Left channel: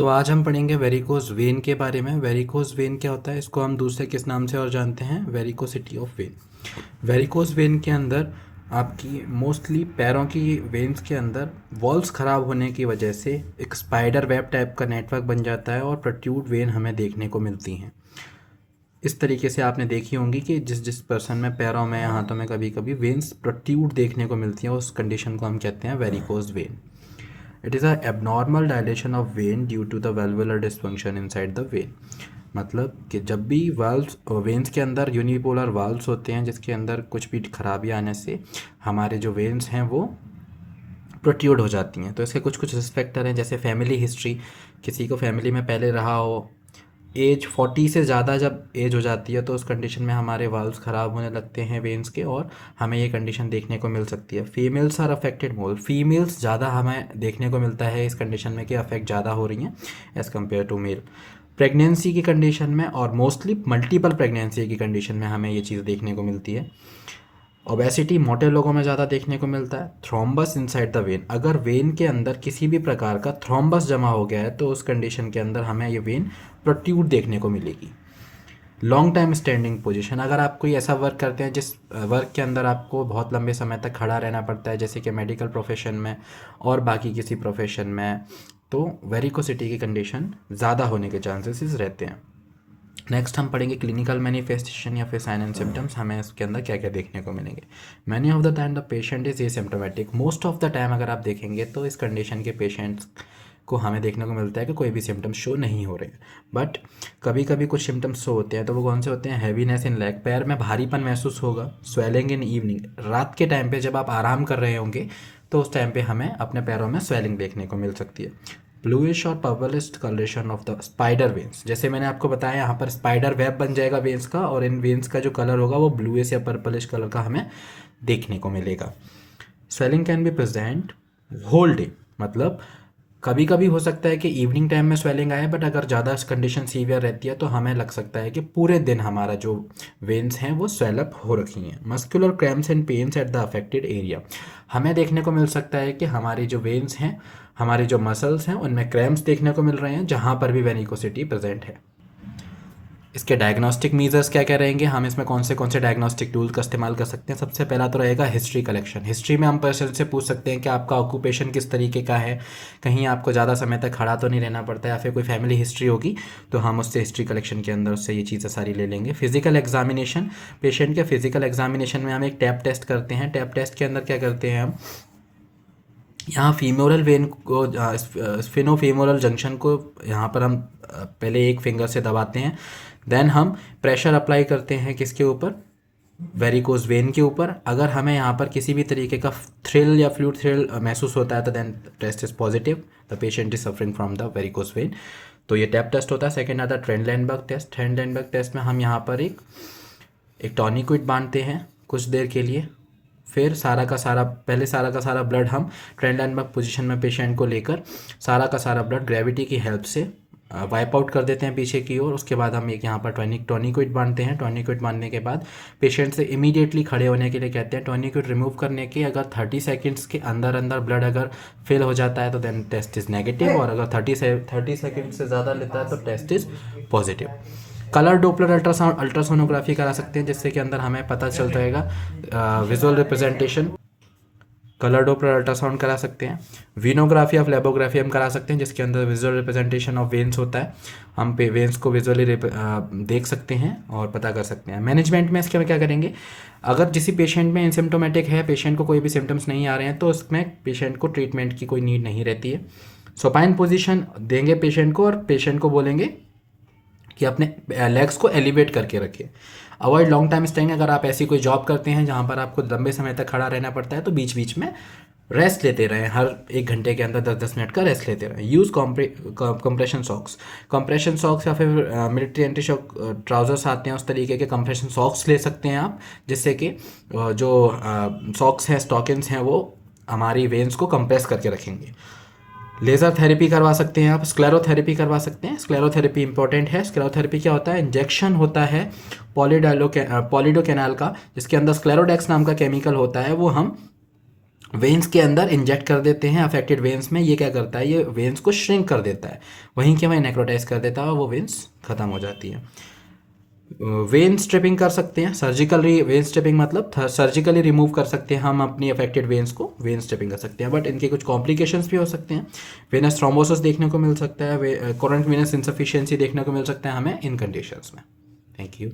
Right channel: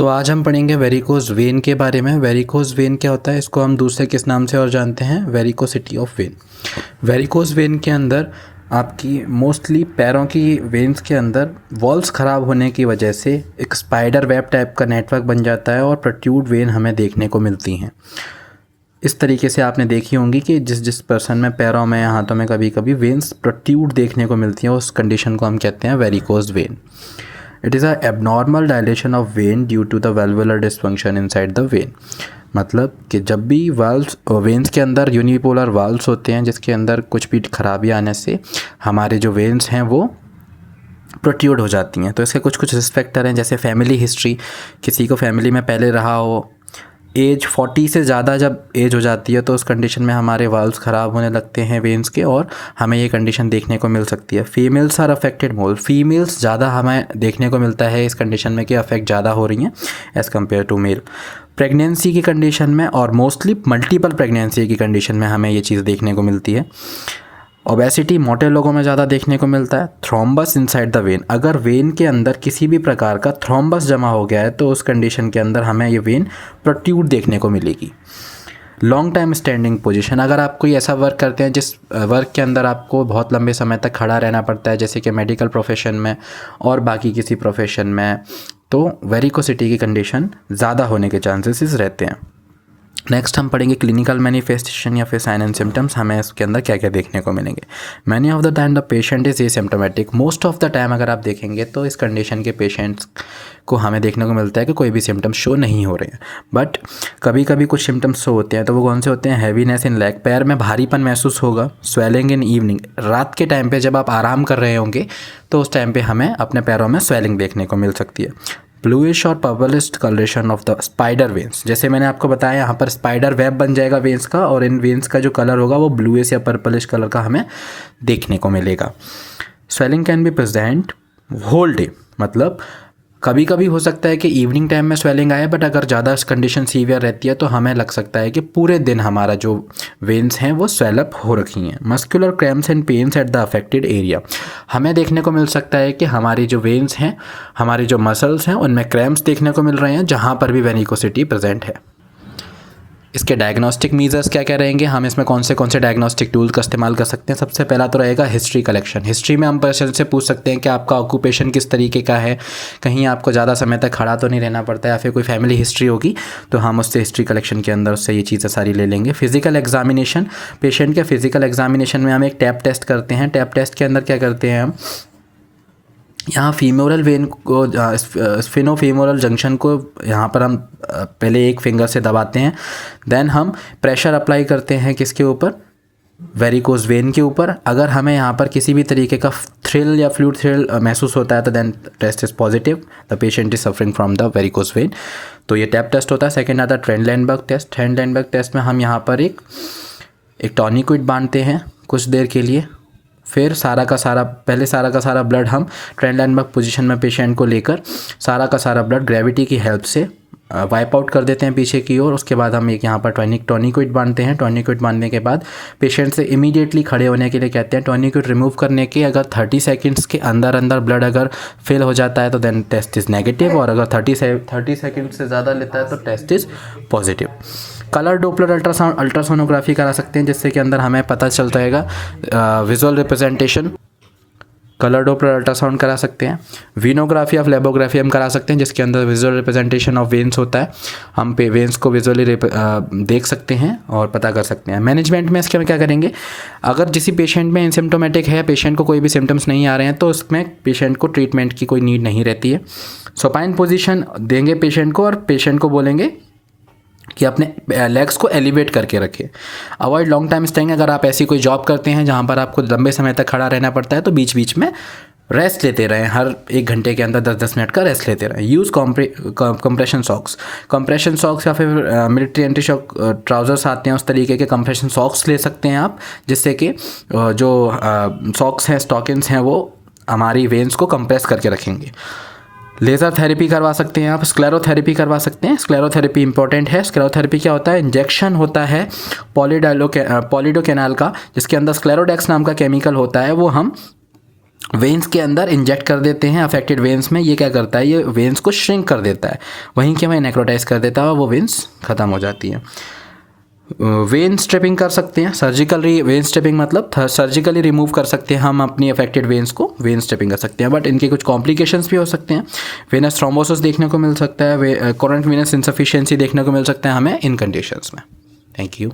तो आज हम पढ़ेंगे वेरिकोज वेन के बारे में। वेरिकोज वेन क्या होता है, इसको हम दूसरे किस नाम से और जानते हैं, varicosity of when. Varicose vein के अंदर आपकी मोस्टली पैरों की वेन्स के अंदर वॉल्स ख़राब होने की वजह से एक स्पाइडर वेब टाइप का नेटवर्क बन जाता है और प्रोट्रूड वेन हमें देखने को मिलती हैं। इस तरीके से आपने देखी होंगी कि जिस जिस पर्सन में पैरों में या हाथों में कभी कभी वेन्स प्रोट्रूड देखने को मिलती हैं, उस कंडीशन को हम कहते हैं varicose vein. It is a abnormal dilation of vein due to the valvular dysfunction inside the vein. मतलब कि जब भी वाल्व्स वेन्स के अंदर यूनिपोलर वाल्व्स होते हैं जिसके अंदर कुछ भी खराबी आने से हमारे जो वेन्स हैं वो प्रोट्रूड हो जाती हैं। तो इसके कुछ कुछ रिस्क फैक्टर हैं, जैसे फैमिली हिस्ट्री, किसी को फैमिली में पहले रहा हो, एज 40 से ज़्यादा जब एज हो जाती है तो उस कंडीशन में हमारे वाल्व्स ख़राब होने लगते हैं वेन्स के, और हमें ये कंडीशन देखने को मिल सकती है। Females are affected more, females ज़्यादा हमें देखने को मिलता है इस कंडीशन में कि अफेक्ट ज़्यादा हो रही हैं as compare to male. Pregnancy की कंडीशन में और मोस्टली मल्टीपल प्रेगनेंसी की कंडीशन में हमें ये चीज़ देखने को मिलती है। ओबेसिटी मोटे लोगों में ज़्यादा देखने को मिलता है। थ्रोम्बस इनसाइड द वेन, अगर वेन के अंदर किसी भी प्रकार का थ्रोम्बस जमा हो गया है तो उस कंडीशन के अंदर हमें ये वेन प्रोट्रूड देखने को मिलेगी। लॉन्ग टाइम स्टैंडिंग पोजीशन, अगर आप कोई ऐसा वर्क करते हैं जिस वर्क के अंदर आपको बहुत लंबे समय तक खड़ा रहना पड़ता है, जैसे कि मेडिकल प्रोफेशन में और बाकी किसी प्रोफेशन में, तो वेरिकोसिटी की कंडीशन ज़्यादा होने के चांसेस रहते हैं। नेक्स्ट हम पढ़ेंगे क्लिनिकल मैनिफेस्टेशन या फिर साइन एंड सिम्टम्स, हमें इसके अंदर क्या क्या देखने को मिलेंगे। Many of the time the patient is asymptomatic, most of the time अगर आप देखेंगे तो इस कंडीशन के पेशेंट्स को हमें देखने को मिलता है कि कोई भी सिम्टम्स शो नहीं हो रहे हैं। बट कभी कभी कुछ सिम्टम्स शो होते हैं, तो वो कौन से होते हैं? हैवीनेस इन लेग, पैर में भारीपन महसूस होगा। स्वेलिंग इन इवनिंग, रात के टाइम पे जब आप आराम कर रहे होंगे तो उस टाइम पे हमें अपने पैरों में स्वेलिंग देखने को मिल सकती है। ब्लूइश और purplish colouration of the spider veins, जैसे मैंने आपको बताया यहाँ पर स्पाइडर वेब बन जाएगा वेन्स का, और इन वेन्स का जो कलर होगा वो ब्लूइश या पर्पलिश कलर का हमें देखने को मिलेगा। Swelling can be present whole day, मतलब कभी कभी हो सकता है कि इवनिंग टाइम में स्वेलिंग आए, बट अगर ज़्यादा कंडीशन सीवियर रहती है तो हमें लग सकता है कि पूरे दिन हमारा जो वेन्स हैं वो स्वेलअप हो रखी हैं। Muscular cramps and pains at the affected area, हमें देखने को मिल सकता है कि हमारी जो वेन्स हैं, हमारी जो मसल्स हैं, उनमें क्रैम्प्स देखने को मिल रहे हैं जहाँ पर भी वेरिकोसिटी प्रेजेंट है। इसके डायग्नोस्टिक मीजर्स क्या क्या रहेंगे, हम इसमें कौन से डायग्नोस्टिक टूल का इस्तेमाल कर सकते हैं। सबसे पहला तो रहेगा हिस्ट्री कलेक्शन। हिस्ट्री में हम पर्सन से पूछ सकते हैं कि आपका ऑक्यूपेशन किस तरीके का है, कहीं आपको ज़्यादा समय तक खड़ा तो नहीं रहना पड़ता है, या फिर कोई फैमिली हिस्ट्री होगी तो हम उससे हिस्ट्री कलेक्शन के अंदर उससे ये चीज़ें सारी ले लेंगे। फिजिकल एग्जामिनेशन, पेशेंट के फिजिकल एग्जामिनेशन में हम एक टैप टेस्ट करते हैं। टैप टेस्ट के अंदर क्या करते हैं, हम यहाँ फीमोरल वेन को, स्फिनोफीमोरल जंक्शन को यहाँ पर हम पहले एक फिंगर से दबाते हैं, देन हम प्रेशर अप्लाई करते हैं किसके ऊपर, वेरिकोज वेन के ऊपर। अगर हमें यहाँ पर किसी भी तरीके का थ्रिल या फ्लूइड थ्रिल महसूस होता है तो then test is positive, the patient is suffering from the varicose vein. तो ये टैप टेस्ट होता है। सेकेंड आता है ट्रेंडलैंडबर्ग टेस्ट। ट्रेंडलैंडबर्ग टेस्ट में हम यहाँ पर एक टॉनिक्विड बांधते हैं कुछ देर के लिए, फिर सारा का सारा ब्लड हम ट्रेंडलैंडबर्ग पोजीशन में पेशेंट को लेकर सारा का सारा ब्लड ग्रेविटी की हेल्प से वाइप आउट कर देते हैं पीछे की ओर। उसके बाद हम एक यहाँ पर टॉनिक्विड बांधते हैं। टॉनिक्विड बांधने के बाद पेशेंट से इमीडिएटली खड़े होने के लिए कहते हैं। टॉनिक्विड रिमूव करने के अगर 30 सेकंड्स के अंदर अंदर ब्लड अगर फिल हो जाता है तो देन टेस्ट इज़ नेगेटिव, और अगर 30 सेकंड से ज़्यादा लेता है तो test is positive. Colour doppler ultrasonography करा सकते हैं, जिससे कि अंदर हमें पता चलता रहेगा visual representation. Colour Doppler ultrasound करा सकते हैं। वीनोग्राफी ऑफ लेबोग्राफी हम करा सकते हैं, जिसके अंदर विजुअल रिप्रेजेंटेशन ऑफ वेन्स होता है। हम पे वेन्स को विजुअली देख सकते हैं और पता कर सकते हैं। मैनेजमेंट में इसके में क्या करेंगे, अगर किसी पेशेंट में एसिम्प्टोमेटिक है, पेशेंट को कोई भी सिम्टम्स नहीं आ रहे हैं, तो उसमें पेशेंट को ट्रीटमेंट की कोई नीड नहीं रहती है। सुपाइन पोजीशन देंगे पेशेंट को, और पेशेंट को बोलेंगे कि अपने लेग्स को एलिवेट करके रखें। अवॉइड लॉन्ग टाइम स्टेइंग, अगर आप ऐसी कोई जॉब करते हैं जहाँ पर आपको लंबे समय तक खड़ा रहना पड़ता है तो बीच बीच में रेस्ट लेते रहें, हर 1 घंटे के अंदर 10-10 मिनट का रेस्ट लेते रहें। यूज़ कंप्रेशन सॉक्स या फिर मिलिट्री एंटी शॉक ट्राउजर्स आते हैं, उस तरीके के कंप्रेशन सॉक्स ले सकते हैं आप, जिससे कि जो सॉक्स हैं, स्टॉकिंग्स हैं, वो हमारी वेन्स को कंप्रेस करके रखेंगे। लेज़र थेरेपी करवा सकते हैं आप, स्क्लेरोथेरेपी करवा सकते हैं। स्क्लेरोथेरेपी इंपॉर्टेंट है। स्क्लेरोथेरेपी क्या होता है, इंजेक्शन होता है पॉलीडोकेनाल का, जिसके अंदर स्क्लेरोडेक्स नाम का केमिकल होता है, वो हम वेन्स के अंदर इंजेक्ट कर देते हैं अफेक्टेड वेन्स में। ये क्या करता है, ये वेन्स को श्रिंक कर देता है, वहीं के वहीं नेक्रोटाइज कर देता है और वो वेन्स ख़त्म हो जाती है। वेन स्ट्रिपिंग कर सकते हैं, सर्जिकली वेन स्ट्रिपिंग मतलब सर्जिकली रिमूव कर सकते हैं हम अपनी अफेक्टेड वेन्स को, वेन स्ट्रिपिंग कर सकते हैं, बट इनके कुछ कॉम्प्लिकेशंस भी हो सकते हैं। वेनस थ्रोम्बोसिस देखने को मिल सकता है, कोरेंट वेनस इनसफिशिएंसी देखने को मिल सकता है हमें इन कंडीशंस में। Thank you.